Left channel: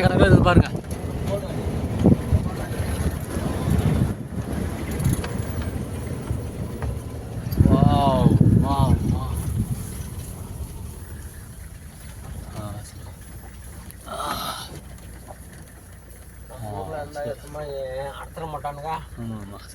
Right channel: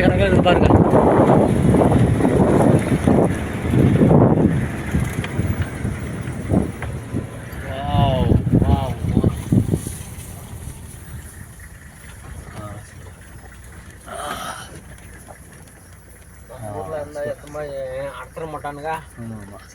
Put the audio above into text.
லட்சக்கணக்கில் இருக்குது பாருங்க. Wow wow wow. அடத்துற மாட்டானுங்க. ஆமாம்.